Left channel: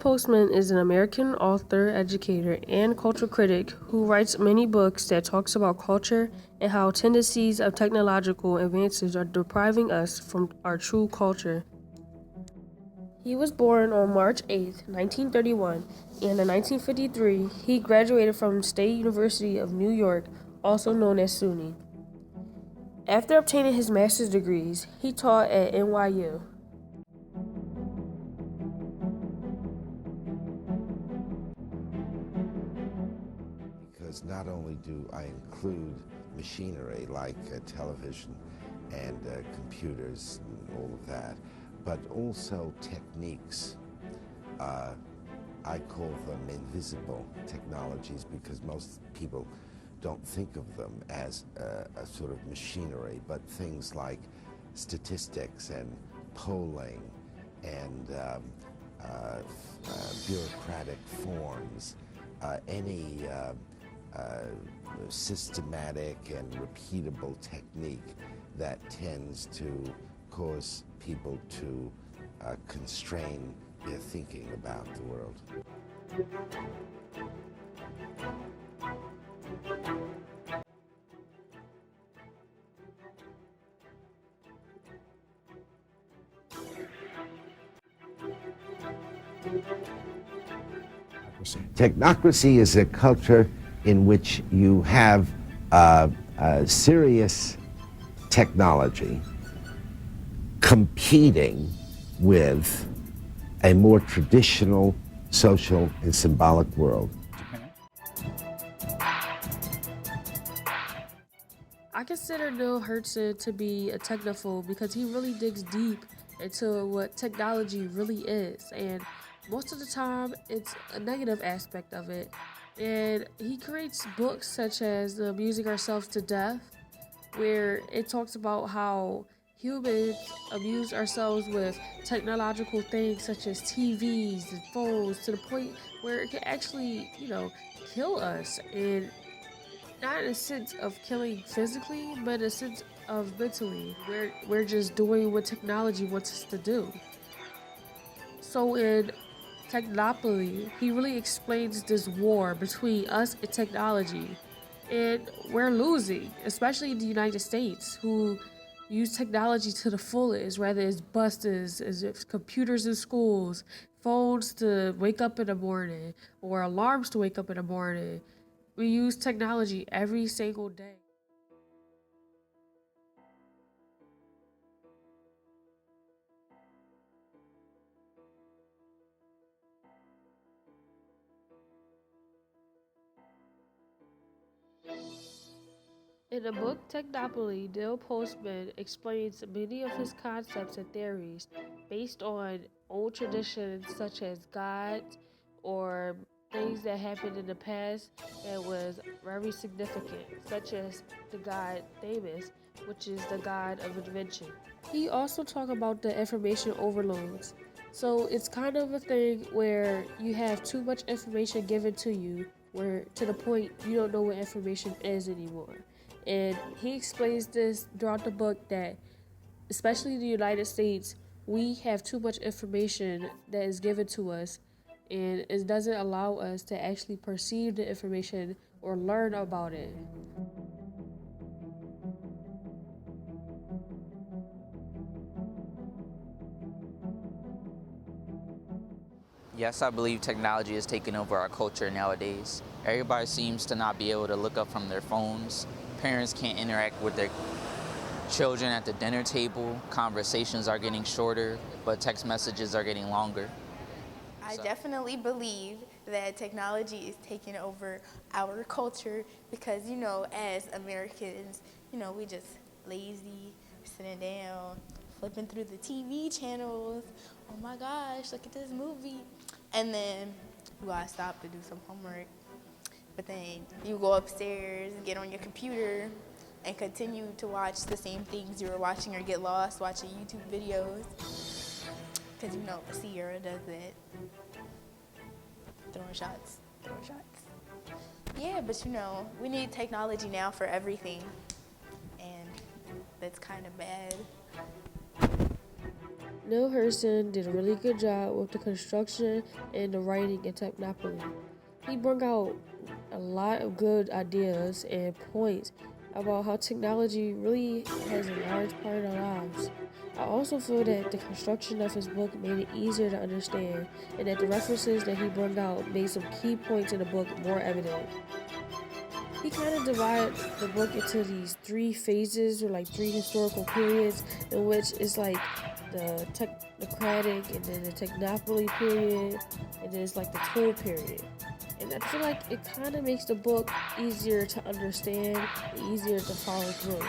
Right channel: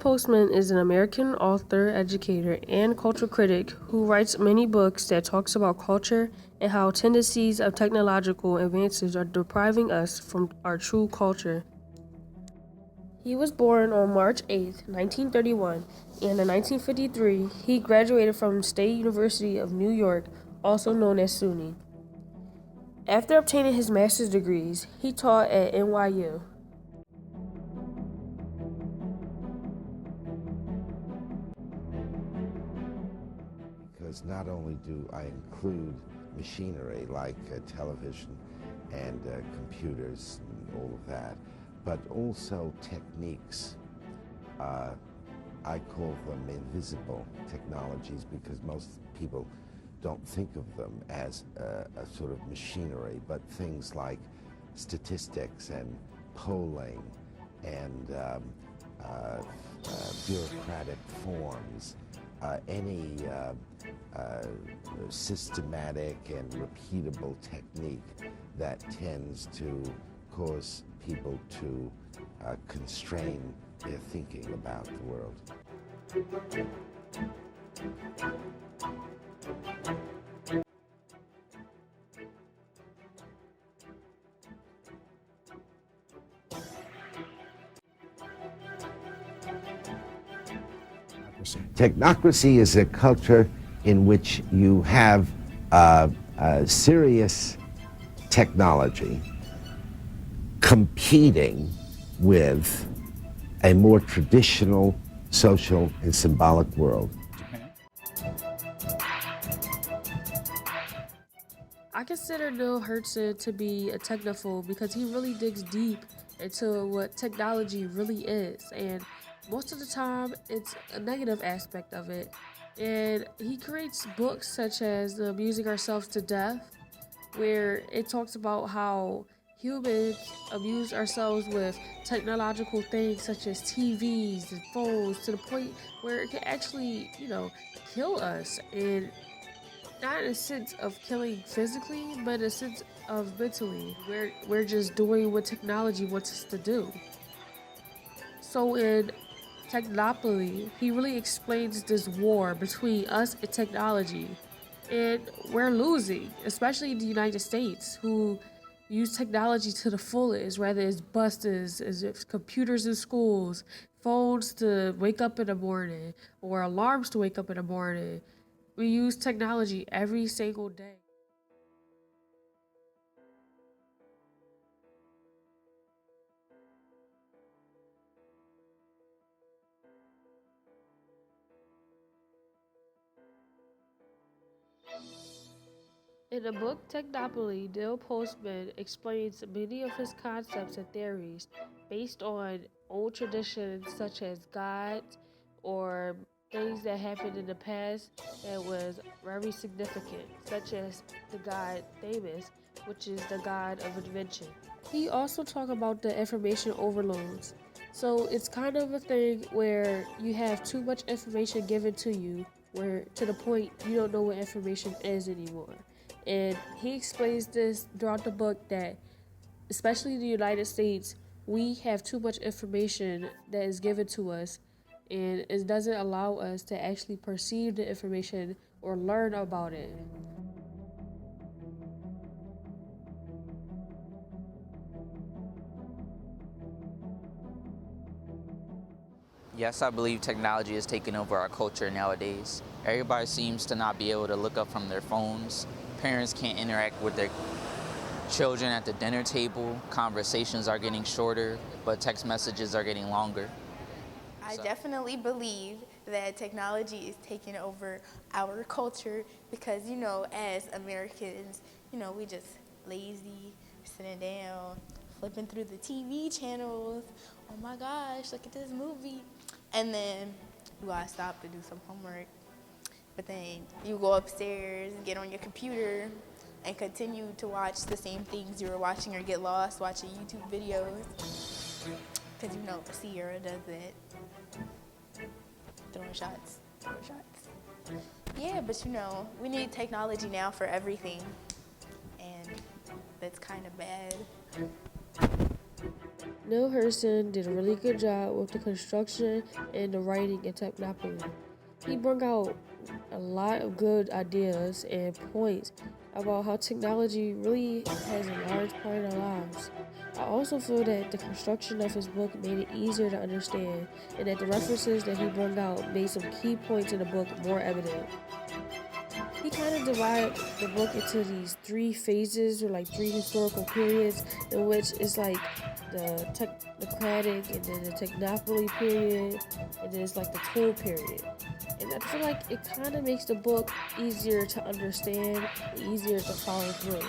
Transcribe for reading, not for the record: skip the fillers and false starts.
Postman is an American author, educator, and cultural critic who writes many books that talks about culture and how tendencies of technological advances are depriving us from our true culture. He was born on March 8, 1931, and in 1953, he graduated from State University of New York, also known as SUNY. After obtaining his master's degrees, he taught at NYU. Because not only do I prefer machinery like the television and computers that, but also techniques. I call them invisible technologies because most people don't think of them as a sort of machinery, but things like statistics and plumbing and forms, any systematic and repeatable technique that tends to cause people to constrain their thinking about the world. Technocracy is a culture in which you have serious technology competing with a more traditional social and symbolic world. I consider Neil Hertzen to be a technophobe because he really digs deep into what technology really is, and most of the time it's a negative aspect of it. And he creates books such as Amusing Ourselves to Death, where it talks about how humans amuse ourselves with technological things such as TVs and phones to the point where it can actually, kill us. And not in a sense of killing physically, but in a sense of mentally. We're just doing what technology wants us to do. So in Technopoly, he really explains this war between us and technology. And we're losing, especially in the United States, who use technology to the fullest, whether it's buses, as if computers in schools, phones to wake up in the morning, or alarms to wake up in the morning. We use technology every single day. In the book Technopoly, Neil Postman explains many of his concepts and theories based on old traditions such as God or things that happened in the past that was very significant, such as the god Themis, which is the god of invention. He also talked about the information overloads. So it's kind of a thing where you have too much information given to you, where to the point you don't know what information is anymore. And he explains this throughout the book that, especially in the United States, we have too much information that is given to us, and it doesn't allow us to actually perceive the information or learn about it. Yes, I believe technology is taking over our culture nowadays. Everybody seems to not be able to look up from their phones. Parents can't interact with their children at the dinner table. Conversations are getting shorter, but text messages are getting longer. I definitely believe that technology is taking over our culture because, as Americans, we just lazy, sitting down, flipping through the TV channels. Oh my gosh, look at this movie. And then you gotta stop to do some homework. But then you go upstairs, get on your computer, and continue to watch the same things you were watching or get lost watching YouTube videos. Because Sierra does that. Throwing shots. Yeah, but we need technology now for everything. And that's kind of bad. Neil Hurston did a really good job with the construction and the writing in Technopoly. He brought out a lot of good ideas and points about how technology really has a large part in our lives. I also feel that the construction of his book made it easier to understand, and that the references that he brought out made some key points in the book more evident. He kind of divided the book into these three phases, or like three historical periods, in which it's like the technocratic, and then the technopoly period, and then it's like the tool period. And I feel like it kind of makes the book easier to understand and easier to follow through.